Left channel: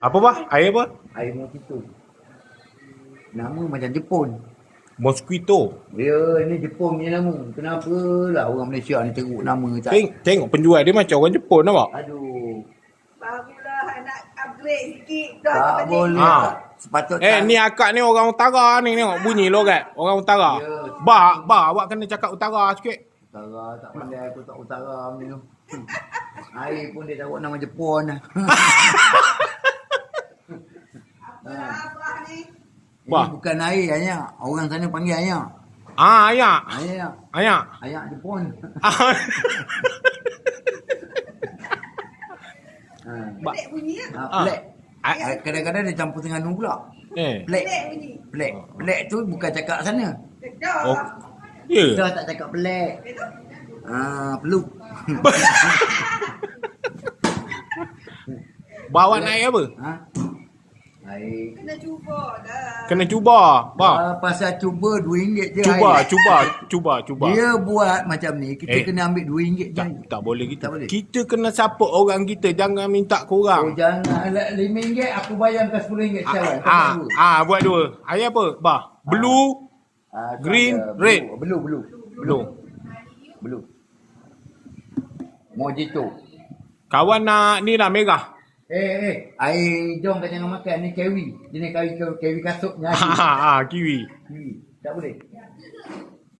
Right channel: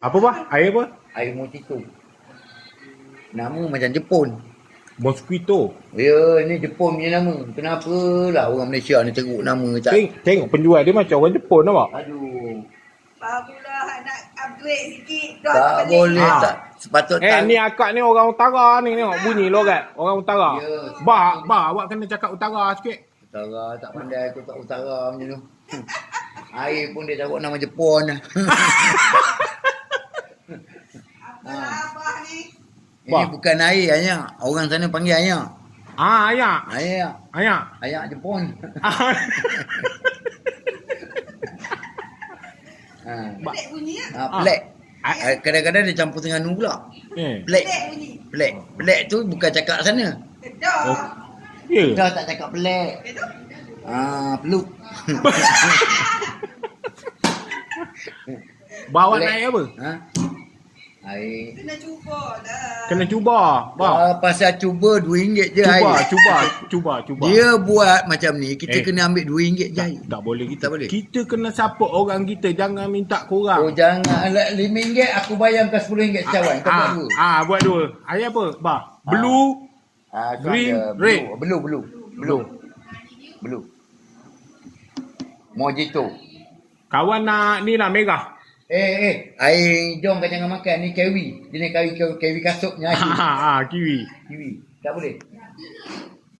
Apa bah? Air apa? Air mojito. Nama macam Jepun. Mosquito. Ya, ni Jepun punya nama. Kenapa lah orang Malaysia ni teruk nama tak? Tengok penjual dia macam orang Jepun nampak. Aduh. Barulah nak upgrade sikit. Dah Tak balik. boleh Ah. tak. Sepatutnya. Ni akak ni orang utara ni tengok bunyi logat. Orang utara. Ya. Bah, awak kena cakap utara sikit. Utara tak pandai aku tak utara macam tu. Air pun dia taruh nama Jepun. Apalah abah ni. Ini Wah. bukan air hanya. Orang sana panggil ayak. Ayak. Ayak. Ayak. Ayak Jepun. Ha. Pelik bunyi lah. Pelik. Kadang-kadang dia campur dengan nu pula. Eh. Pelik. Pelik bunyi. Pelik. Pelik tu bukan cakap sana. Dah. Oh. Ya. Dah tak cakap pelik. Itu. Peluk. Bawa Pelik. naik apa? Ha? Air. Kena cuba dah. Kena cuba. Bah. Pasal cuba RM2 je air. Cuba. Dia buat macam ni, kita Eh. kena ambil RM2 je Tak, air. tak boleh kita. Tak boleh. Kita kena support orang kita. Jangan minta Oh korang. jangan, RM5 aku bayar kau RM10 cawan. Kau buat dua. Buat dua. Air apa? Bah. Blue. Tu Green, ada red. Blue. Mojito. Kawan nak ni lah merah. Air jom kau jangan makan ni kiwi. Dia ni kiwi kasutnya air. Kiwi. Kiwi. Tak boleh.